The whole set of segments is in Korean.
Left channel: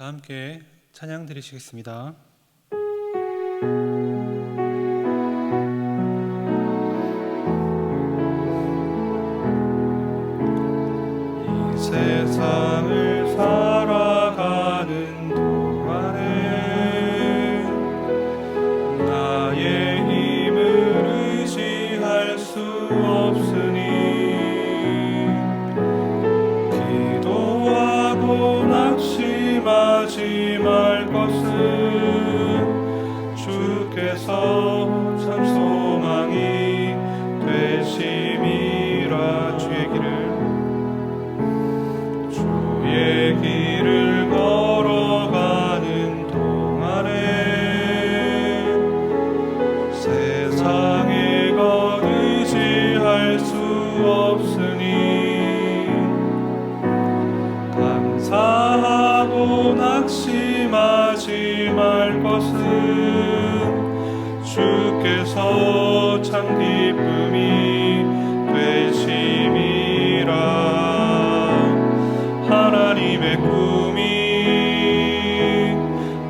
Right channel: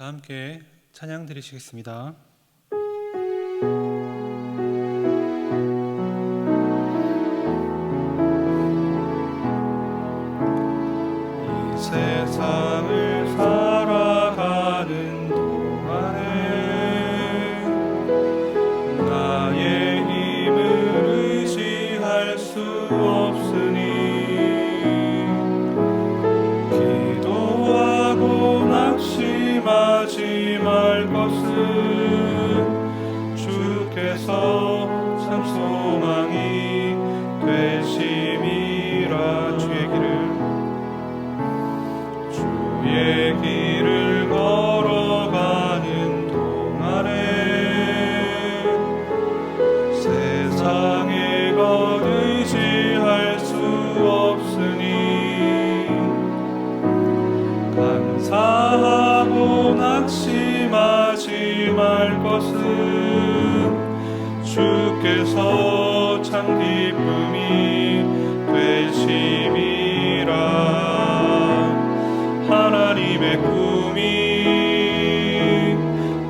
다 함께 찬양 드리시겠습니다. 이 세상을 살아가는 동안에 나의 힘을 의지할 수 없으니 기도하고 낙심하지 말 것은 주께서 참 소망이 되심이라. 주의 길을 걸어가는 동안에 세상의 것 의지할 수 없으니 감사하고 낙심하지 말 것은 주께서 참 기쁨이 되심이라. 하나님의 꿈이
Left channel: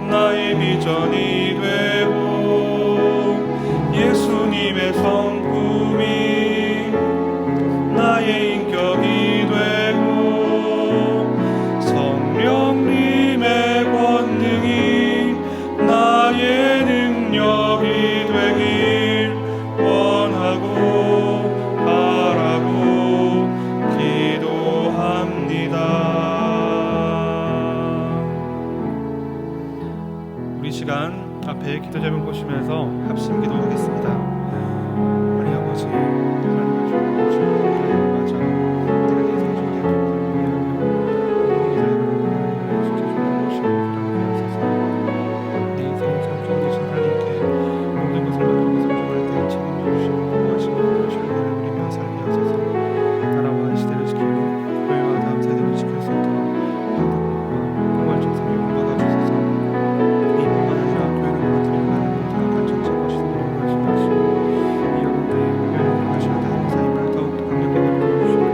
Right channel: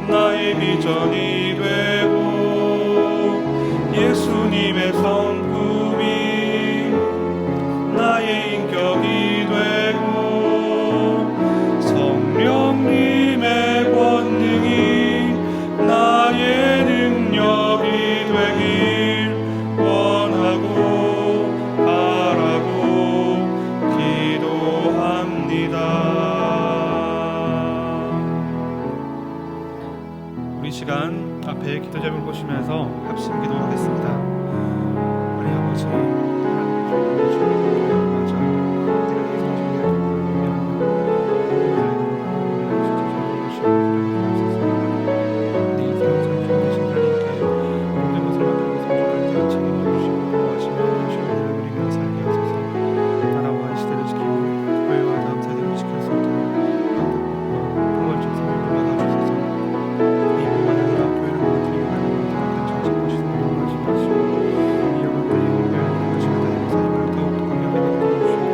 나의 비전이 되고 예수님의 성품이 나의 인격이 되고 성령님의 권능이 나의 능력이 되길 원하고 바라고 기도합니다. 우리 시간 앞에 기도 제목을 보시면서 합심 기도하겠습니다. 하나님 아버지, 하나님의 주님을 맞아 내가 내 인생의 존재를 위하며 모든 것을 하나님을 진짜 주님 모시고 살아가게 하소서. 내 인생을 참 좋은 되신 하나님께 모든 것을 만들고 성장할 때 책임져 주시고 보호하시며 당신의 은혜를 누리며 살게 하소서. 나라와 이 시대를 지키고 교회와 다음 세대를 지킬 수 있도록 반복과 풍월적 생명을 막아주소서. 이뿐만 아니라 교회를 무너뜨리며 가는 모든 악한 정책과 시도를 무너지게 하시고 이 어려운 때에 교회를 하시는 하나님의 사임을 더욱더 강력하게 믿어주시며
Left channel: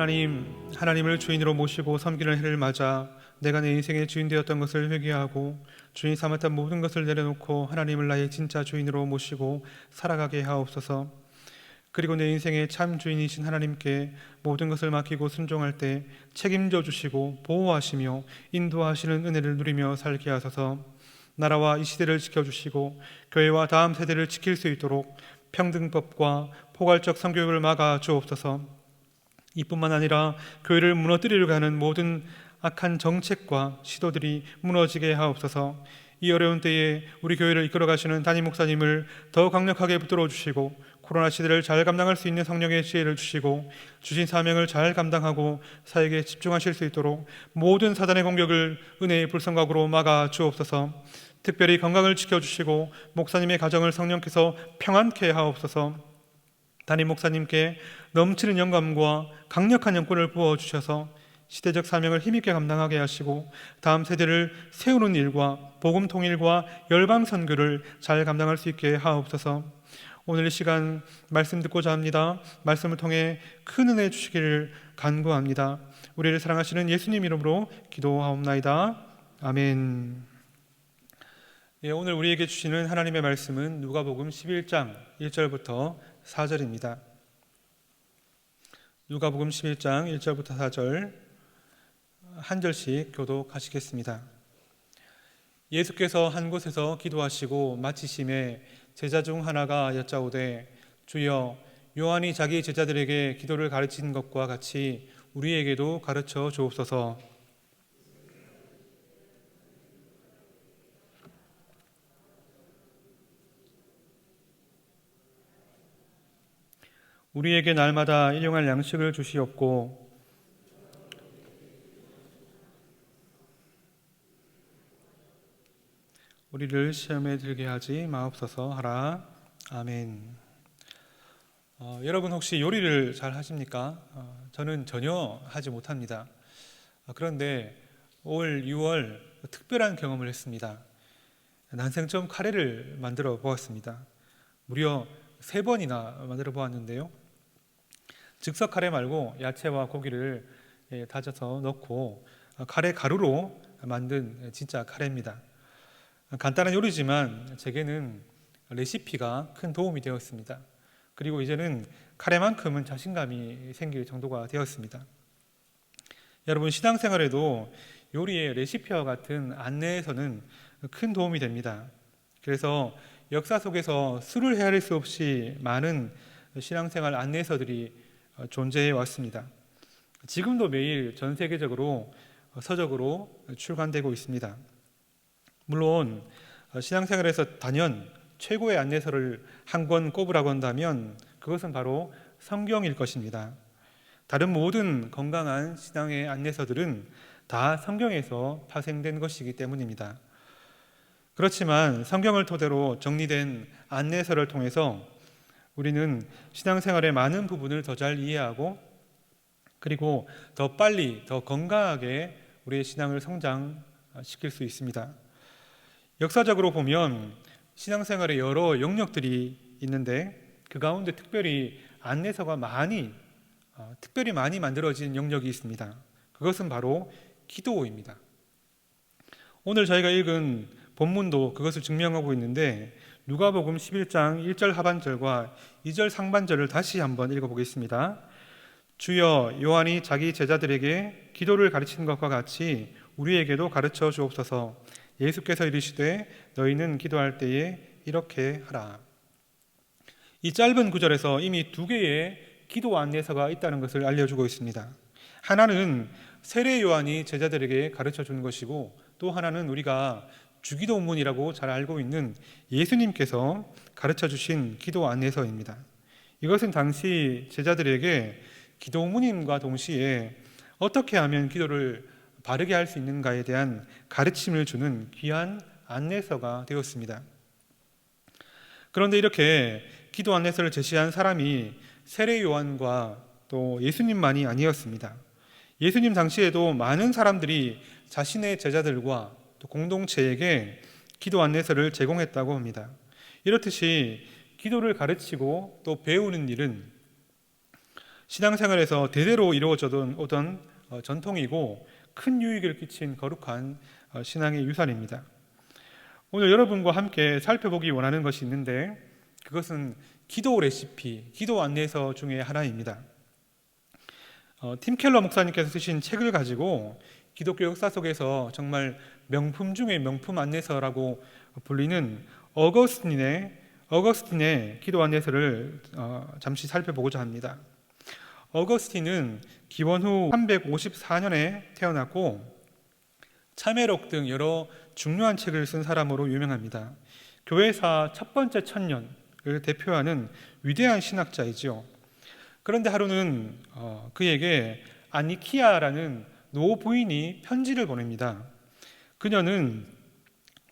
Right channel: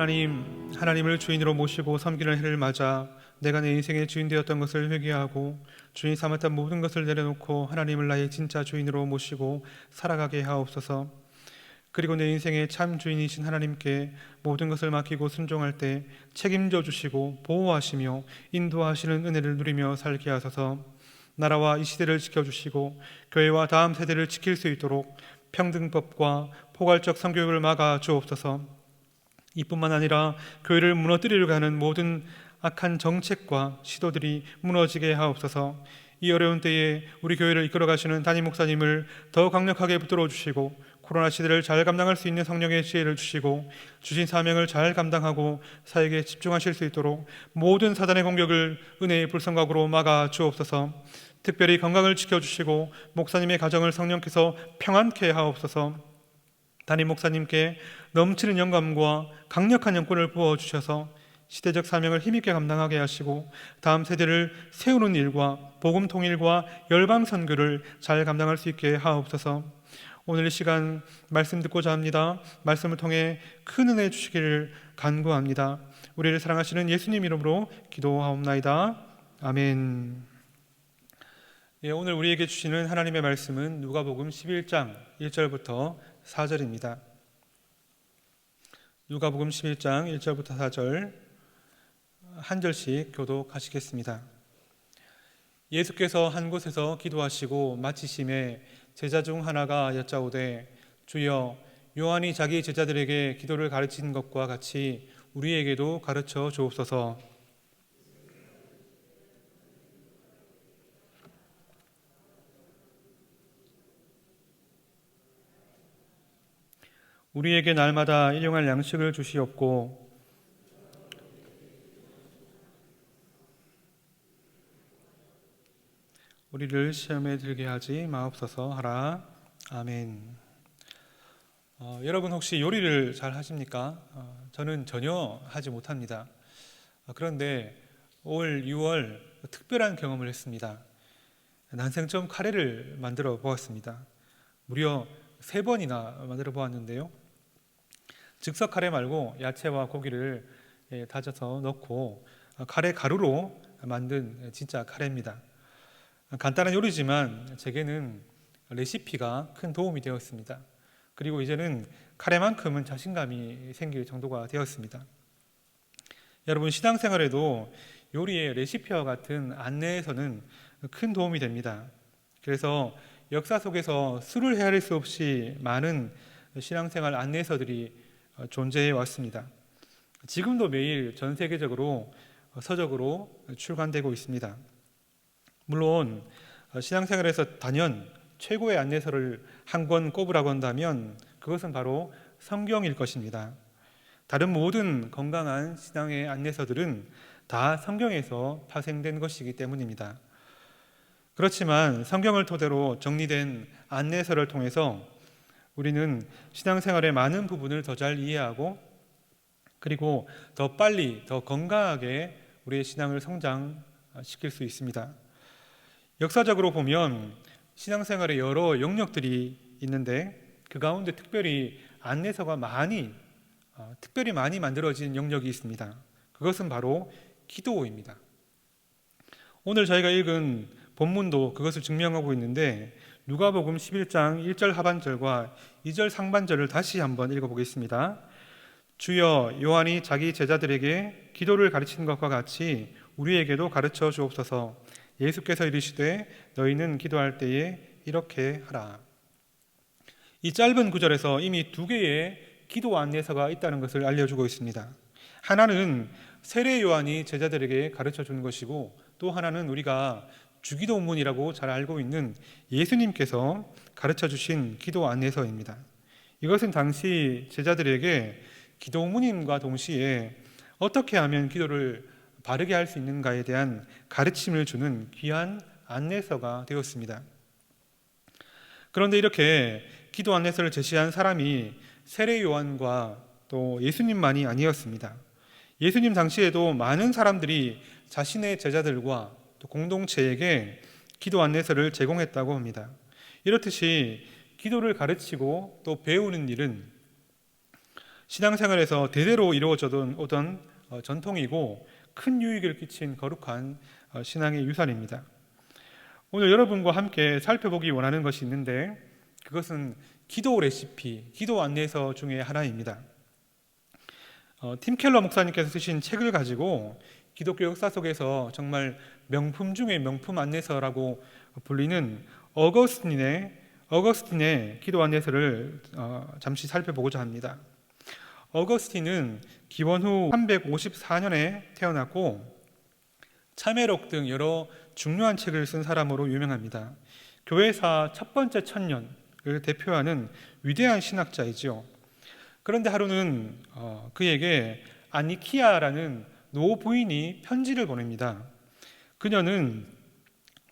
하나님을 주인으로 모시고 섬기는 해를 맞아 내가 내 인생의 주인 되었던 것을 회개하고 주인 삼았던 모든 것을 내려놓고 하나님을 나의 진짜 주인으로 모시고 살아가게 하옵소서. 그리고 내 인생의 참 주인이신 하나님께 모든 것을 맡기고 순종할 때 책임져 주시고 보호하시며 인도하시는 은혜를 누리며 살게 하소서. 나라와 이 시대를 지켜주시고 교회와 다음 세대를 지킬 수 있도록 평등법과 포괄적 성교육을 막아 주옵소서. 이뿐만 아니라 교회를 무너뜨리려고 하는 모든 악한 정책과 시도들이 무너지게 하옵소서. 이 어려운 때에 우리 교회를 이끌어 가시는 담임 목사님을 더 강력하게 붙들어 주시고 코로나 시대를 잘 감당할 수 있는 성령의 지혜를 주시고 주신 사명을 잘 감당하고 사역에 집중하실 수 있도록 모든 사단의 공격을 은혜의 불성각으로 막아 주옵소서. 특별히 건강을 지켜주시고 목사님의 가정을 성령께서 평안케 하옵소서. 담임 목사님께 넘치는 영감과 강력한 영권을 부어주셔서 시대적 사명을 힘있게 감당하게 하시고 다음 세대를 세우는 일과 복음 통일과 열방 선교를 잘 감당할 수 있게 하옵소서. 오늘 이 시간 말씀 듣고자 합니다. 말씀을 통해 큰 은혜 주시기를 간구합니다. 우리를 사랑하시는 예수님 이름으로 기도하옵나이다. 아멘. 오늘 우리에게 주시는 하나님의 말씀은 누가복음 11장 1절부터 4절입니다. 누가복음 11장 1절부터 4절 한 절씩 교독하시겠습니다. 예수께서 한 곳에서 기도하시고 마치심에 제자 중 하나가 여짜오되 주여 요한이 자기 제자들에게 기도를 가르친 것과 같이 우리에게도 가르쳐 주옵소서. 우리에게 날마다 일용할 양식을 주시옵고 우리를 시험에 들게 하지 마옵소서 하라. 아멘. 여러분 혹시 요리를 잘 하십니까? 저는 전혀 하지 못합니다. 그런데 올 6월 특별한 경험을 했습니다. 난생 처음 카레를 만들어 보았습니다. 무려 3번이나 만들어 보았는데요. 즉석 카레 말고 야채와 고기를 다져서 넣고 카레 가루로 만든 진짜 카레입니다. 간단한 요리지만 제게는 레시피가 큰 도움이 되었습니다. 그리고 이제는 카레만큼은 자신감이 생길 정도가 되었습니다. 여러분 신앙생활에도 요리의 레시피와 같은 안내에서는 큰 도움이 됩니다. 그래서 역사 속에서 수를 헤아릴 수 없이 많은 신앙생활 안내서들이 존재해 왔습니다. 지금도 매일 전 세계적으로 서적으로 출간되고 있습니다. 물론 신앙생활에서 단연 최고의 안내서를 한 권 꼽으라고 한다면 그것은 바로 성경일 것입니다. 다른 모든 건강한 신앙의 안내서들은 다 성경에서 파생된 것이기 때문입니다. 그렇지만 성경을 토대로 정리된 안내서를 통해서 우리는 신앙생활의 많은 부분을 더 잘 이해하고 그리고 더 빨리 더 건강하게 우리의 신앙을 성장시킬 수 있습니다. 역사적으로 보면 신앙생활에 여러 영역들이 있는데 그 가운데 특별히 안내서가 특별히 많이 만들어진 영역이 있습니다. 그것은 바로 기도입니다. 오늘 저희가 읽은 본문도 그것을 증명하고 있는데 누가복음 11장 1절 하반절과 2절 상반절을 다시 한번 읽어보겠습니다. 주여 요한이 자기 제자들에게 기도를 가르치는 것과 같이 우리에게도 가르쳐 주옵소서. 예수께서 이르시되 너희는 기도할 때에 이렇게 하라. 이 짧은 구절에서 이미 2개의 기도 안내서가 있다는 것을 알려주고 있습니다. 하나는 세례 요한이 제자들에게 가르쳐 준 것이고 또 하나는 우리가 주기도문이라고 잘 알고 있는 예수님께서 가르쳐 주신 기도 안내서입니다. 이것은 당시 제자들에게 기도문임과 동시에 어떻게 하면 기도를 바르게 할 수 있는가에 대한 가르침을 주는 귀한 안내서가 되었습니다. 그런데 이렇게 기도 안내서를 제시한 사람이 세례 요한과 또 예수님만이 아니었습니다. 예수님 당시에도 많은 사람들이 자신의 제자들과 또 공동체에게 기도 안내서를 제공했다고 합니다. 이렇듯이 기도를 가르치고 또 배우는 일은 신앙생활에서 대대로 이루어져 오던 전통이고 큰 유익을 끼친 거룩한 신앙의 유산입니다. 오늘 여러분과 함께 살펴보기 원하는 것이 있는데 그것은 기도 레시피, 기도 안내서 중에 하나입니다. 팀 켈러 목사님께서 쓰신 책을 가지고 기독교 역사 속에서 정말 명품 중의 명품 안내서라고 불리는 어거스틴의 기도 안내서를 잠시 살펴보고자 합니다. 어거스틴은 기원 후 354년에 태어났고 참회록 등 여러 중요한 책을 쓴 사람으로 유명합니다. 교회사 첫 번째 천년을 대표하는 위대한 신학자이지요. 그런데 하루는 그에게 아니키아라는 노 부인이 편지를 보냅니다. 그녀는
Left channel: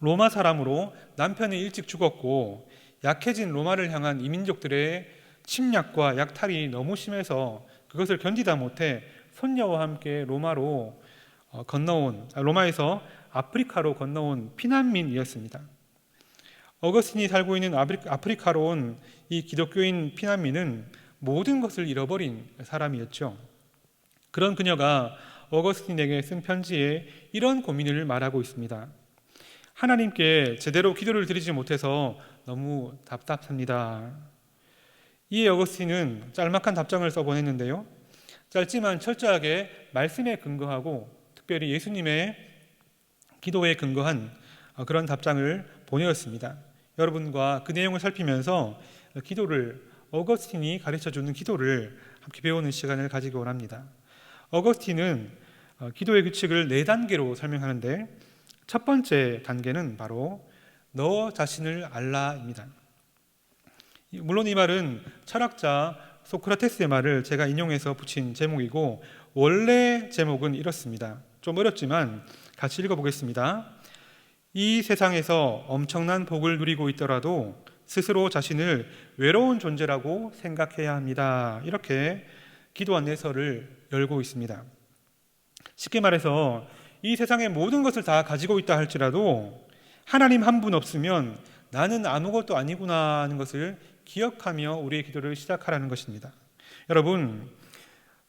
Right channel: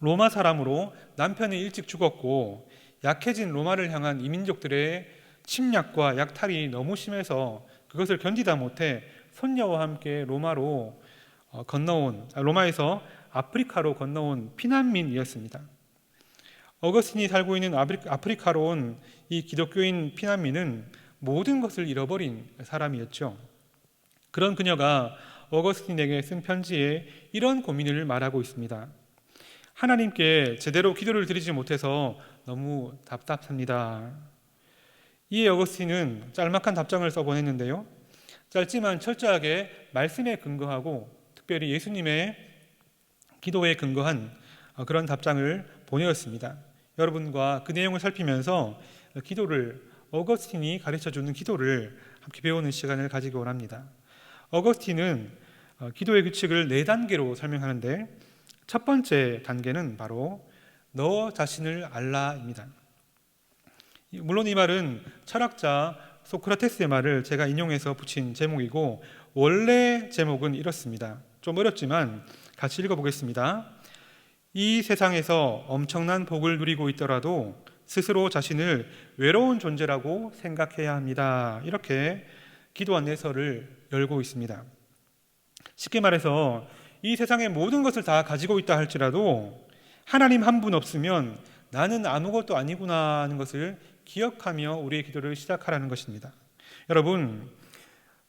로마 사람으로 남편이 일찍 죽었고 약해진 로마를 향한 이민족들의 침략과 약탈이 너무 심해서 그것을 견디다 못해 손녀와 함께 로마에서 아프리카로 건너온 피난민이었습니다. 어거스틴이 살고 있는 아프리카로 온 이 기독교인 피난민은 모든 것을 잃어버린 사람이었죠. 그런 그녀가 어거스틴에게 쓴 편지에 이런 고민을 말하고 있습니다. 하나님께 제대로 기도를 드리지 못해서 너무 답답합니다. 이에 어거스틴은 짤막한 답장을 써보냈는데요. 짧지만 철저하게 말씀에 근거하고 특별히 예수님의 기도에 근거한 그런 답장을 보내었습니다. 여러분과 그 내용을 살피면서 어거스틴이 가르쳐주는 기도를 함께 배우는 시간을 가지기 원합니다. 어거스틴은 기도의 규칙을 4단계로 설명하는데 첫 번째 단계는 바로 너 자신을 알라입니다. 물론 이 말은 철학자 소크라테스의 말을 제가 인용해서 붙인 제목이고 원래 제목은 이렇습니다. 좀 어렵지만 같이 읽어보겠습니다. 이 세상에서 엄청난 복을 누리고 있더라도 스스로 자신을 외로운 존재라고 생각해야 합니다. 이렇게 기도 안내서를 열고 있습니다. 쉽게 말해서 이 세상의 모든 것을 다 가지고 있다 할지라도 하나님 한 분 없으면 나는 아무것도 아니구나 하는 것을 기억하며 우리의 기도를 시작하라는 것입니다. 여러분,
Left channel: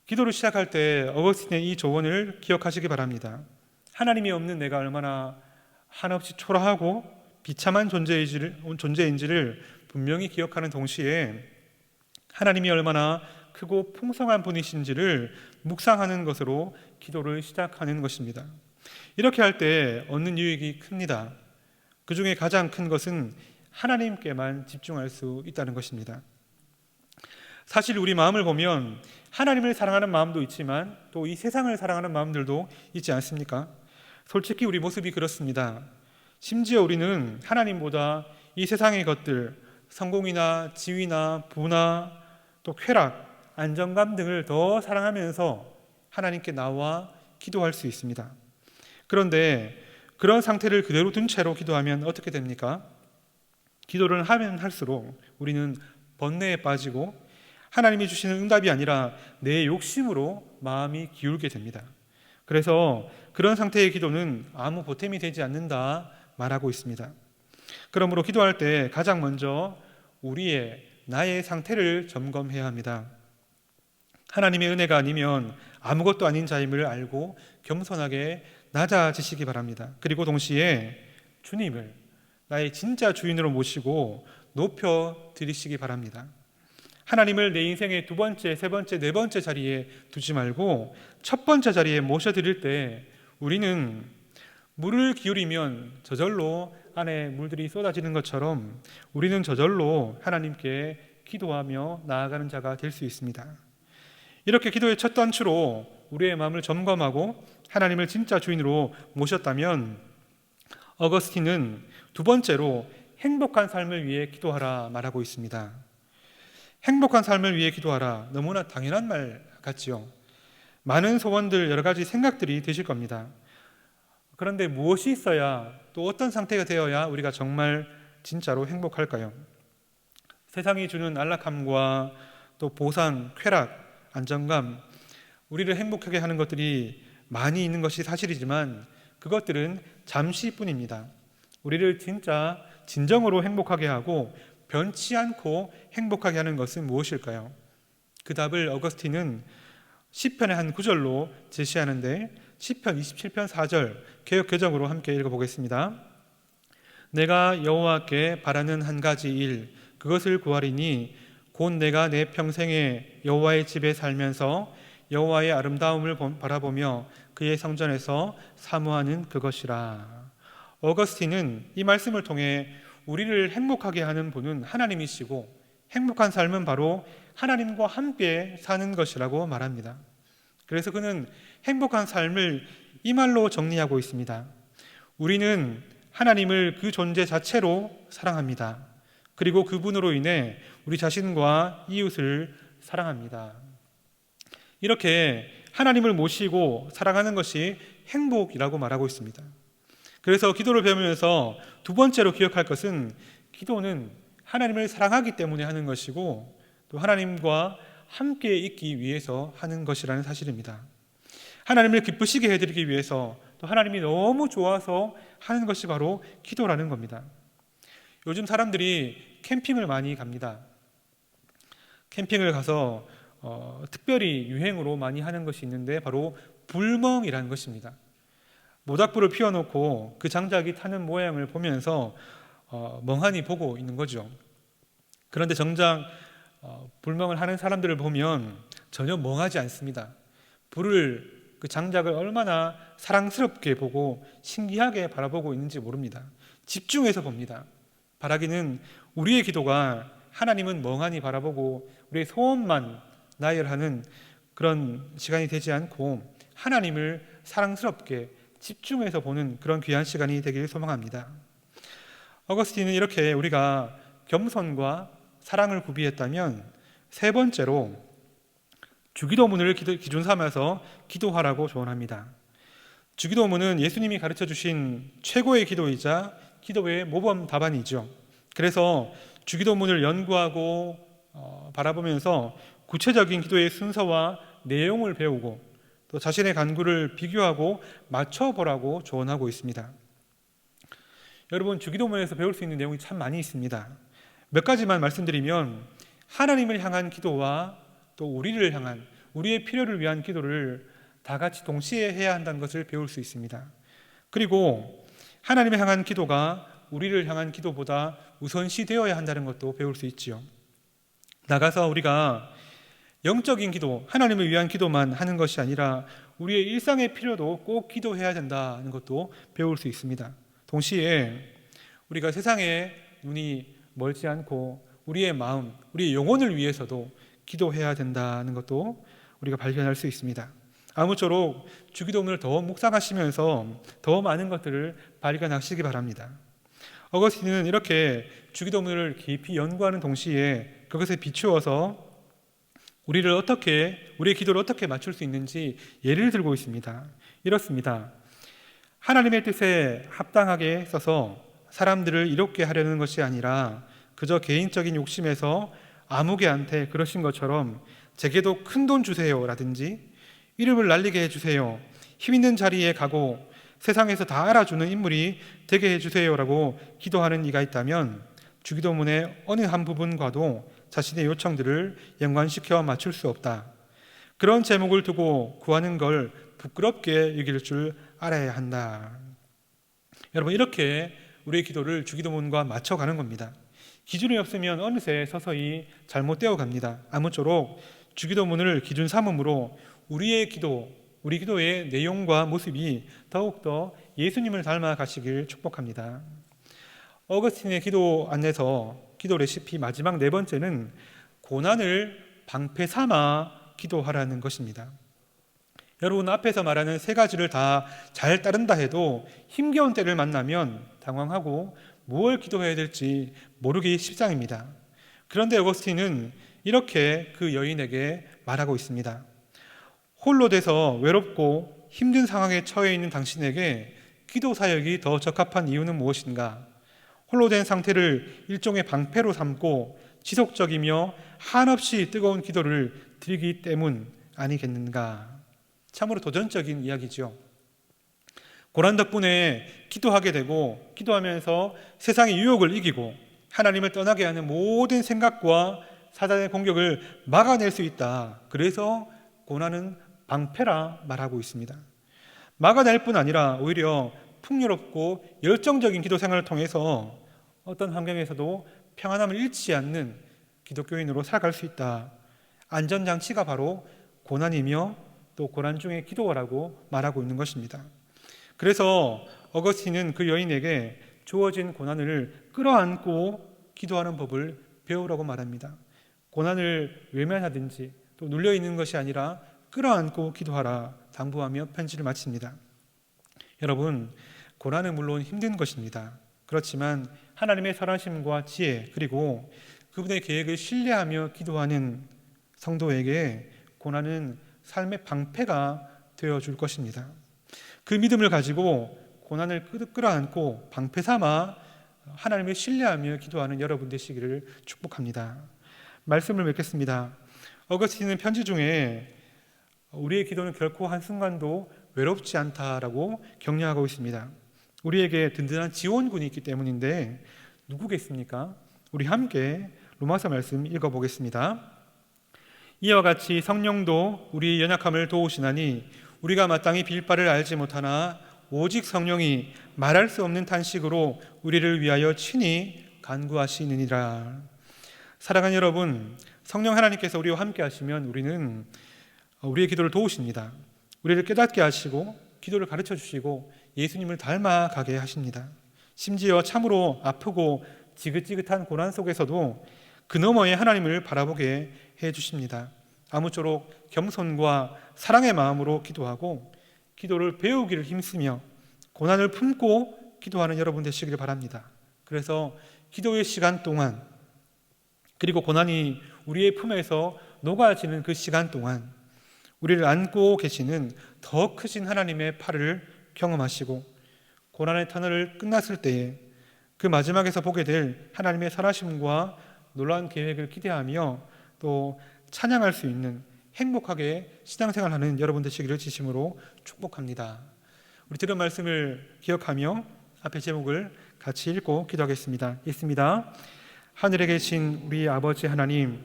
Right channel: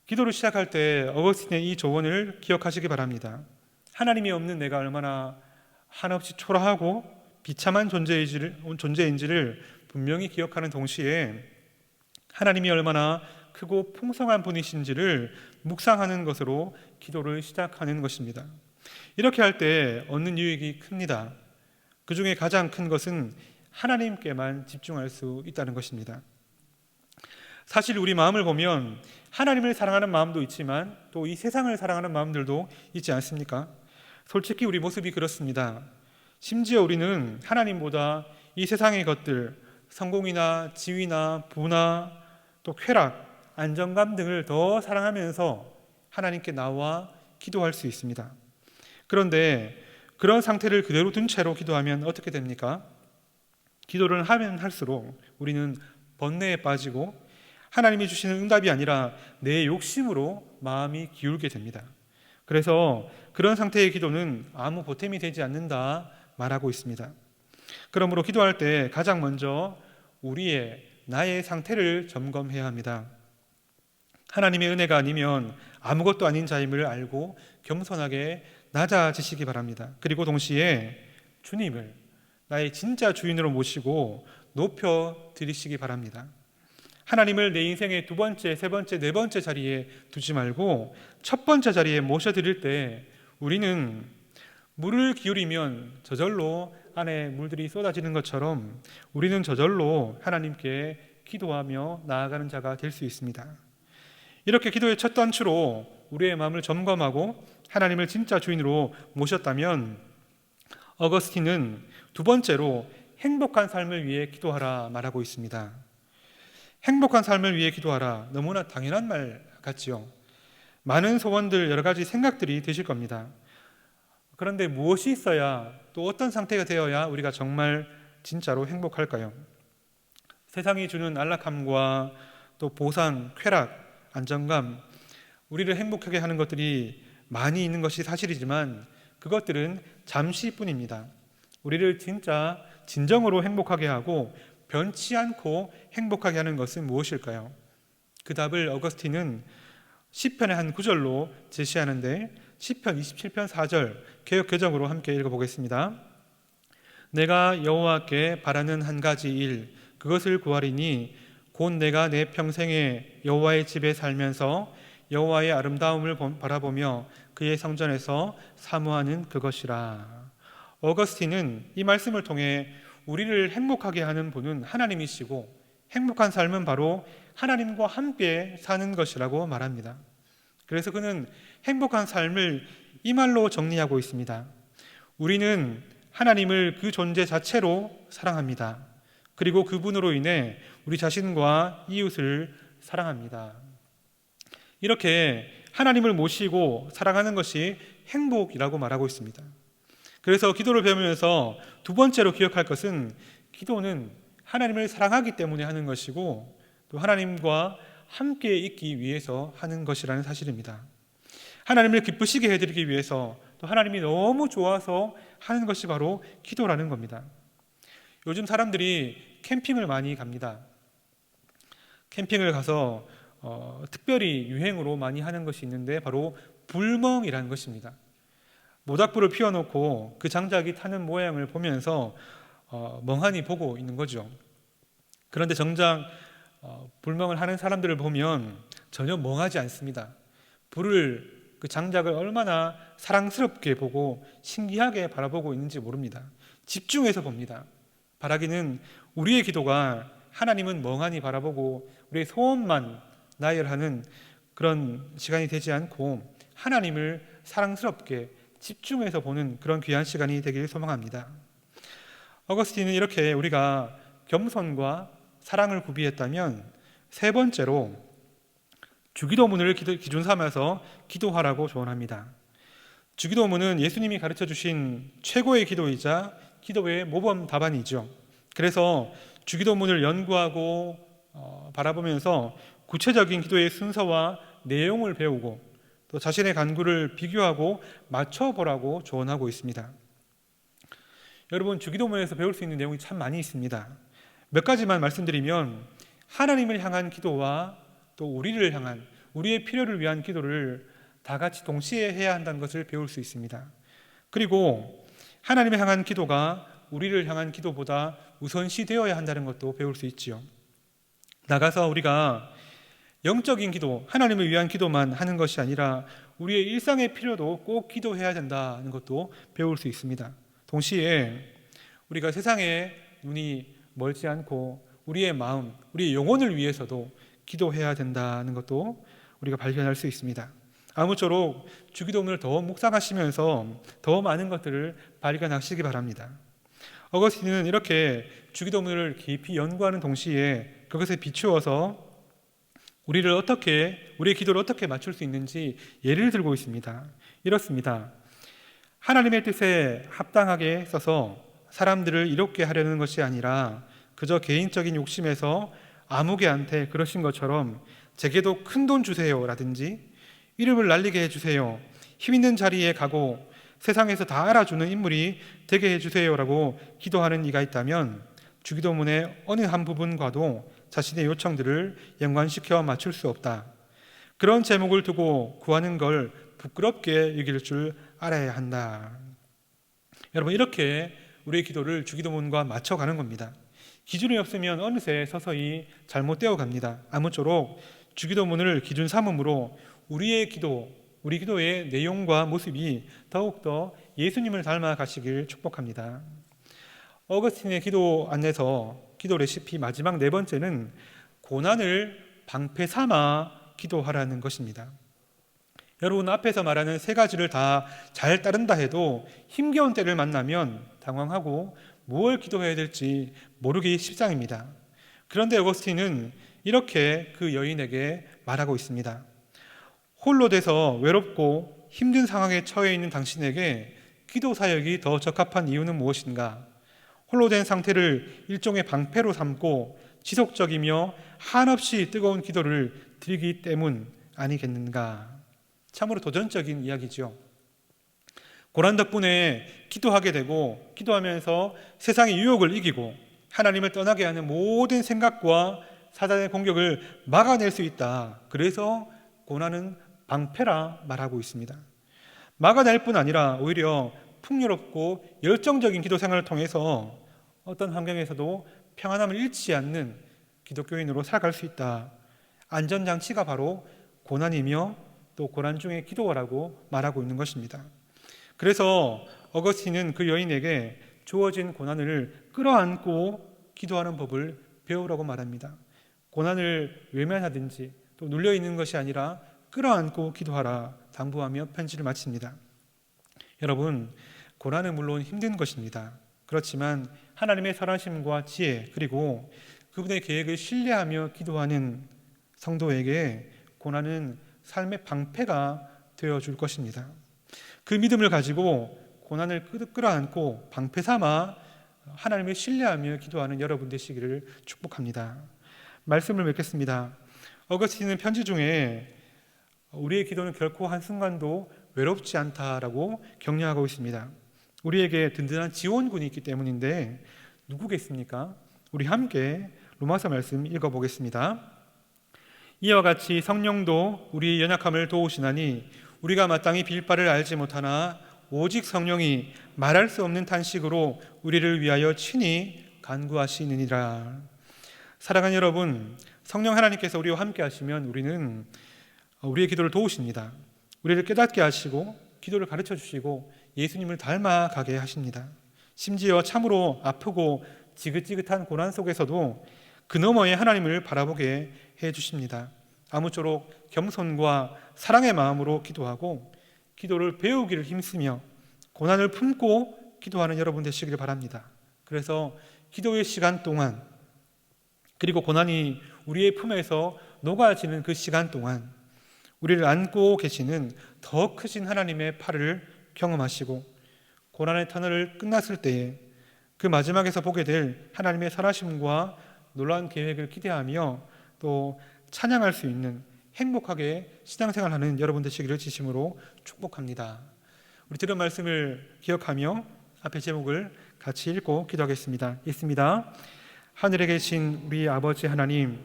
기도를 시작할 때 어거스틴의 이 조언을 기억하시기 바랍니다. 하나님이 없는 내가 얼마나 한없이 초라하고 비참한 존재인지를 분명히 기억하는 동시에 하나님이 얼마나 크고 풍성한 분이신지를 묵상하는 것으로 기도를 시작하는 것입니다. 이렇게 할 때 얻는 유익이 큽니다. 그 중에 가장 큰 것은 하나님께만 집중할 수 있다는 것입니다. 사실 우리 마음을 보면 하나님을 사랑하는 마음도 있지만 또 이 세상을 사랑하는 마음들도 있지 않습니까? 솔직히 우리 모습이 그렇습니다. 심지어 우리는 하나님보다 이 세상의 것들, 성공이나 지위나 부나 또 쾌락, 안정감 등을 더 사랑하면서 하나님께 나와 기도할 수 있습니다. 그런데 그런 상태를 그대로 둔 채로 기도하면 어떻게 됩니까? 기도를 하면 할수록 우리는 번뇌에 빠지고 하나님이 주시는 응답이 아니라 내 욕심으로 마음이 기울게 됩니다. 그래서 그런 상태의 기도는 아무 보탬이 되지 않는다 말하고 있습니다. 그러므로 기도할 때 가장 먼저 나의 상태를 점검해야 합니다. 하나님의 은혜가 아니면 아무것도 아닌 자임을 알고 겸손하게 낮아지시기 바랍니다. 그리고 동시에 주님을 나의 진짜 주인으로 모시고 높여 드리시기 바랍니다. 하나님을 내 인생의 2번째, 3번째, 4번째 자리에 두지 말고 첫 번째 자리에 모셔드릴 때 우리는 물을 기울이면 저절로 안에 물들이 쏟아지는 것처럼 우리는 저절로 하나님께 기도하며 나아가는 자가 될 수 있습니다. 이렇게 기도의 첫 단추로 우리의 마음을 점검하고 하나님을 진짜 주인으로 모셨다면 어거스틴은 2번째로 행복한 삶을 위해 기도하라 말하고 있습니다. 행복한 삶을 위해 기도하라, 너무나 당연한 말 같지요. 많은 소원들, 여러 가지 생각들이 드실 겁니다. 그런데 무엇이 있어야, 또 어떤 상태가 되어야 우리가 정말 진짜로 행복할까요? 세상이 주는 안락함과 또 보상, 쾌락, 안정감, 우리를 행복하게 하는 것들이 많이 있는 것이 사실이지만 그것들은 잠시뿐입니다. 우리를 진정으로 행복하게 하고 변치 않고 행복하게 하는 것은 무엇일까요? 그 답을 어거스틴은 시편의 한 구절로 제시하는데 시편 27편 4절 개역 개정으로 함께 읽어보겠습니다. 내가 여호와께 바라는 한 가지 일 그것을 구하리니 곧 내가 내 평생에 여호와의 집에 살면서 여호와의 아름다움을 바라보며 그의 성전에서 사모하는 그것이라. 어거스틴은 이 말씀을 통해 우리를 행복하게 하는 분은 하나님이시고 행복한 삶은 바로 하나님과 함께 사는 것이라고 말합니다. 그래서 그는 행복한 삶을 이 말로 정리하고 있습니다. 우리는 하나님을 그 존재 자체로 사랑합니다. 그리고 그분으로 인해 우리 자신과 이웃을 사랑합니다. 이렇게 하나님을 모시고 사랑하는 것이 행복이라고 말하고 있습니다. 그래서 기도를 배우면서 두 번째로 기억할 것은 기도는 하나님을 사랑하기 때문에 하는 것이고 또 하나님과 함께 있기 위해서 하는 것이라는 사실입니다. 하나님을 기쁘시게 해드리기 위해서 또 하나님이 너무 좋아서 하는 것이 바로 기도라는 겁니다. 요즘 사람들이 캠핑을 많이 갑니다. 캠핑을 가서 특별히 유행으로 많이 하는 것이 있는데 바로 불멍이라는 것입니다. 모닥불을 피워놓고 그 장작이 타는 모양을 보면서 멍하니 보고 있는 거죠. 그런데 정작 불멍을 하는 사람들을 보면 전혀 멍하지 않습니다. 그 장작을 얼마나 사랑스럽게 보고 신기하게 바라보고 있는지 모릅니다. 집중해서 봅니다. 바라기는 우리의 기도가 하나님은 멍하니 바라보고 우리의 소원만 나열하는 그런 시간이 되지 않고 하나님을 사랑스럽게 집중해서 보는 그런 귀한 시간이 되길 소망합니다. 어거스틴은 이렇게 우리가 겸손과 사랑을 구비했다면 세 번째로 주기도문을 기준 삼아서 기도하라고 조언합니다. 주기도문은 예수님이 가르쳐 주신 최고의 기도이자 기도의 모범 답안이죠. 그래서 주기도문을 연구하고 바라보면서 구체적인 기도의 순서와 내용을 배우고 또 자신의 간구를 비교하고 맞춰보라고 조언하고 있습니다. 여러분, 주기도문에서 배울 수 있는 내용이 참 많이 있습니다. 몇 가지만 말씀드리면 하나님을 향한 기도와 또 우리를 향한 우리의 필요를 위한 기도를 다 같이 동시에 해야 한다는 것을 배울 수 있습니다. 그리고 하나님을 향한 기도가 우리를 향한 기도보다 우선시 되어야 한다는 것도 배울 수 있지요. 나가서 우리가 영적인 기도, 하나님을 위한 기도만 하는 것이 아니라 우리의 일상의 필요도 꼭 기도해야 된다는 것도 배울 수 있습니다. 동시에 우리가 세상에 눈이 멀지 않고 우리의 마음, 우리의 영혼을 위해서도 기도해야 된다는 것도 우리가 발견할 수 있습니다. 아무쪼록 주기도문을 더 묵상하시면서 더 많은 것들을 발견하시기 바랍니다. 어거스틴은 이렇게 주기도문을 깊이 연구하는 동시에 그것에 비추어서 우리의 기도를 어떻게 맞출 수 있는지 예를 들고 있습니다. 이렇습니다. 하나님의 뜻에 합당하게 써서 사람들을 이롭게 하려는 것이 아니라 그저 개인적인 욕심에서 아무개한테 그러신 것처럼 제게도 큰 돈 주세요 라든지 이름을 날리게 해주세요, 힘 있는 자리에 가고 세상에서 다 알아주는 인물이 되게 해주세요 라고 기도하는 이가 있다면 주기도문의 어느 한 부분과도 자신의 요청들을 연관시켜 맞출 수 없다. 그런 제목을 두고 구하는 걸 부끄럽게 여길 줄 알아야 한다. 여러분, 이렇게 우리의 기도를 주기도문과 맞춰가는 겁니다. 기준이 없으면 어느새 서서히 잘못되어 갑니다. 아무쪼록 주기도문을 기준 삼음으로 우리 기도의 내용과 모습이 더욱더 예수님을 닮아 가시길 축복합니다. 어거스틴의 기도 안에서 기도 레시피 마지막 네 번째는 고난을 방패 삼아 기도하라는 것입니다. 여러분, 앞에서 말하는 세 가지를 다 잘 따른다 해도 힘겨운 때를 만나면 당황하고 무엇을 기도해야 될지 모르기 십상입니다. 그런데 어거스틴은 이렇게 그 여인에게 말하고 있습니다. 홀로 돼서 외롭고 힘든 상황에 처해 있는 당신에게 기도 사역이 더 적합한 이유는 무엇인가? 홀로 된 상태를 일종의 방패로 삼고 지속적이며 한없이 뜨거운 기도를 드리기 때문 아니겠는가? 참으로 도전적인 이야기죠. 고난 덕분에 기도하게 되고 기도하면서 세상의 유혹을 이기고 하나님을 떠나게 하는 모든 생각과 사단의 공격을 막아낼 수 있다. 그래서 고난은 방패라 말하고 있습니다. 막아낼 뿐 아니라 오히려 풍요롭고 열정적인 기도 생활을 통해서 어떤 환경에서도 평안함을 잃지 않는 기독교인으로 살아갈 수 있다. 안전장치가 바로 고난이며 또 고난 중에 기도하라고 말하고 있는 것입니다. 그래서 어거스틴은 그 여인에게 주어진 고난을 끌어안고 기도하는 법을 배우라고 말합니다. 고난을 외면하든지 또 눌려있는 것이 아니라 끌어안고 기도하라 당부하며 편지를 마칩니다. 여러분, 고난은 물론 힘든 것입니다. 그렇지만 하나님의 선하심과 지혜 그리고 그분의 계획을 신뢰하며 기도하는 성도에게 고난은 삶의 방패가 되어줄 것입니다. 그 믿음을 가지고 고난을 끌어안고 방패 삼아 하나님을 신뢰하며 기도하는 여러분 되시기를 축복합니다. 말씀을 맺겠습니다. 어거스틴은 편지 중에 우리의 기도는 결코 한순간도 외롭지 않다라고 격려하고 있습니다. 우리에게 든든한 지원군이 있기 때문인데 누구겠습니까? 우리 함께 로마서 말씀 읽어보겠습니다. 이와 같이 성령도 우리의 연약함을 도우시나니 우리가 마땅히 빌 바를 알지 못하나 오직 성령이 말할 수 없는 탄식으로 우리를 위하여 친히 간구하시느니라. 사랑하는 여러분, 성령 하나님께서 우리와 함께 하시면 우리는 우리의 기도를 도우십니다. 우리를 깨닫게 하시고 기도를 가르쳐 주시고 예수님을 닮아가게 하십니다. 심지어 참으로 아프고 지긋지긋한 고난 속에서도 그 너머에 하나님을 바라보게 해주십니다. 아무쪼록 겸손과 사랑의 마음으로 기도하고 기도를 배우기를 힘쓰며 고난을 품고 기도하는 여러분 되시기를 바랍니다. 그래서 기도의 시간 동안 그리고 고난이 우리의 품에서 녹아지는 그 시간 동안 우리를 안고 계시는 더 크신 하나님의 팔을 경험하시고 고난의 터널을 끝났을 때에 그 마지막에서 보게 될 하나님의 선하심과 놀라운 계획을 기대하며 또 찬양할 수 있는 행복하게 신앙생활하는 여러분 되시기를 진심으로 축복합니다. 우리 들은 말씀을 기억하며 앞에 제목을 같이 읽고 기도하겠습니다. 읽습니다. 하늘에 계신 우리 아버지 하나님,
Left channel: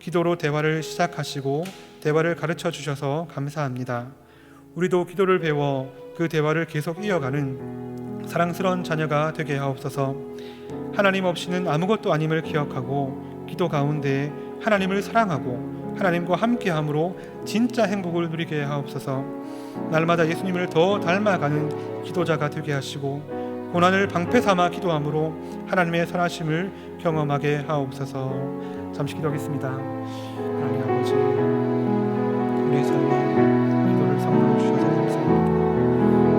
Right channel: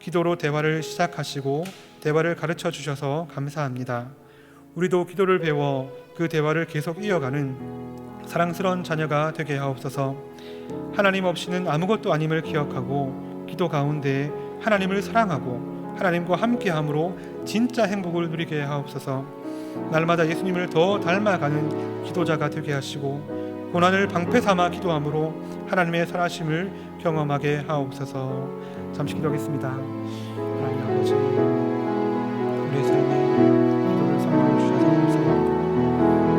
기도로 대화를 시작하시고 대화를 가르쳐 주셔서 감사합니다. 우리도 기도를 배워 그 대화를 계속 이어가는 사랑스러운 자녀가 되게 하옵소서. 하나님 없이는 아무것도 아님을 기억하고 기도 가운데 하나님을 사랑하고 하나님과 함께함으로 진짜 행복을 누리게 하옵소서. 날마다 예수님을 더 닮아가는 기도자가 되게 하시고 고난을 방패 삼아 기도함으로 하나님의 선하심을 경험하게 하옵소서. 잠시 기도하겠습니다. 하나님 아버지, 우리의 삶에 기도를 선물로 주셔서 감사합니다.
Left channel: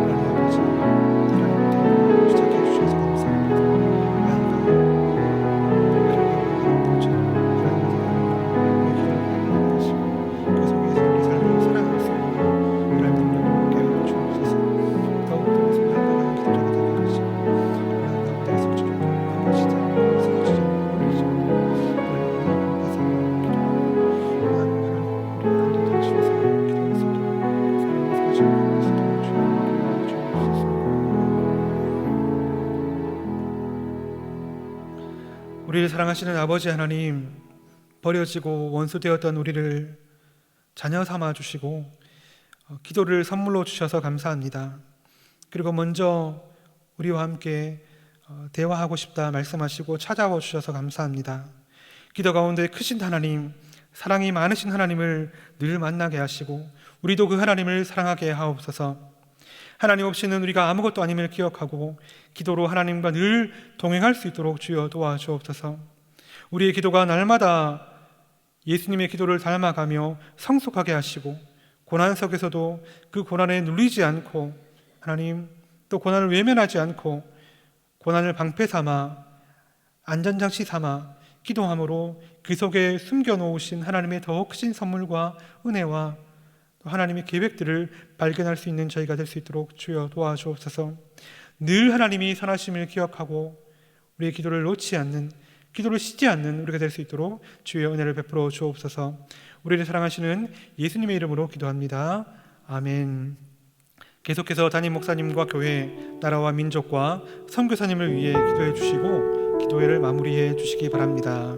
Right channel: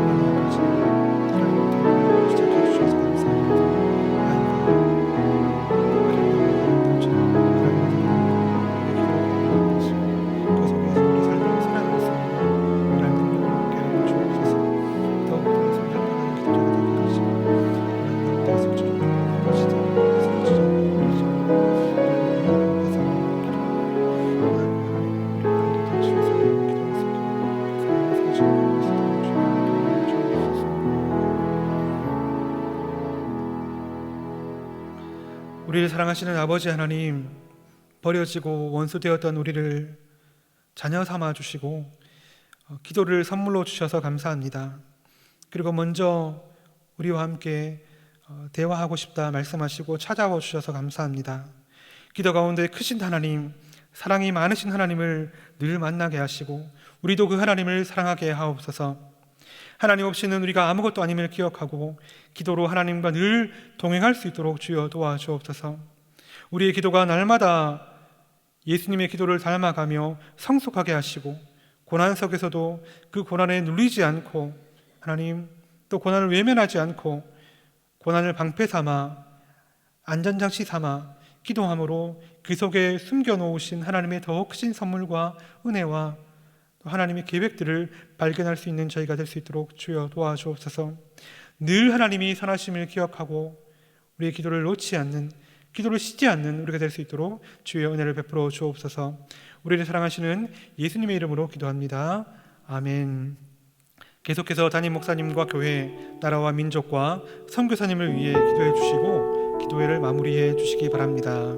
하나님 아버지, 하나님 때문에 시작해 주셔서 감사합니다. 아이가 하려고 하는 것처럼 하나님의 우리의 기도를 받으시고 그 속에서 우리 삶을 살아갈 수 있는 하나님 능력을 얻게 하여 주옵소서. 더욱더 예수님 닮아가는 기도자가 되게 하시고 하나님 가운데 설치를 아버지자 쓰러지지 않고 우리죠. 하나님 오늘 감사하며 기도하고 하나님 우리 안도 당신에서 기도할 수 있도록 그 삶을 사시고 수 있도록 주님께 주옵소서. 우리를 사랑하시는 아버지 하나님, 버려지고 원수되었던 우리를 자녀 삼아 주시고 기도를 선물로 주셔서 감사합니다. 그리고 먼저 우리와 함께 대화하고 싶다 말씀하시고 찾아와 주셔서 감사합니다. 기도 가운데 크신 하나님, 사랑이 많으신 하나님을 늘 만나게 하시고 우리도 그 하나님을 사랑하게 하옵소서. 하나님 없이는 우리가 아무것도 아님을 기억하고 기도로 하나님과 늘 동행할 수 있도록 주여 도와주옵소서. 우리의 기도가 날마다 예수님의 기도를 닮아가며 성숙하게 하시고 고난 속에서도 그 고난에 눌리지 않고 하나님 또 고난을 외면하지 않고 고난을 방패 삼아 안전장치 삼아 기도함으로 그 속에 숨겨놓으신 하나님의 더 크신 선물과 은혜와 또 하나님의 계획들을 발견할 수 있는 저희가 될 수 있도록 주여 도와주옵소서. 늘 하나님이 선하심을 기억하고 우리의 기도를 놓지 않는, 기도를 쉬지 않는 우리가 될 수 있도록 주의 은혜를 베풀어 주옵소서. 우리를 사랑하시는 예수님의 이름으로 기도합니다. 아멘. 계속해서 담임 목사님과 교회, 나라와 민족과 선교사님을 위해 기도해 주시고 기도회를 마무리해 주시기 바랍니다.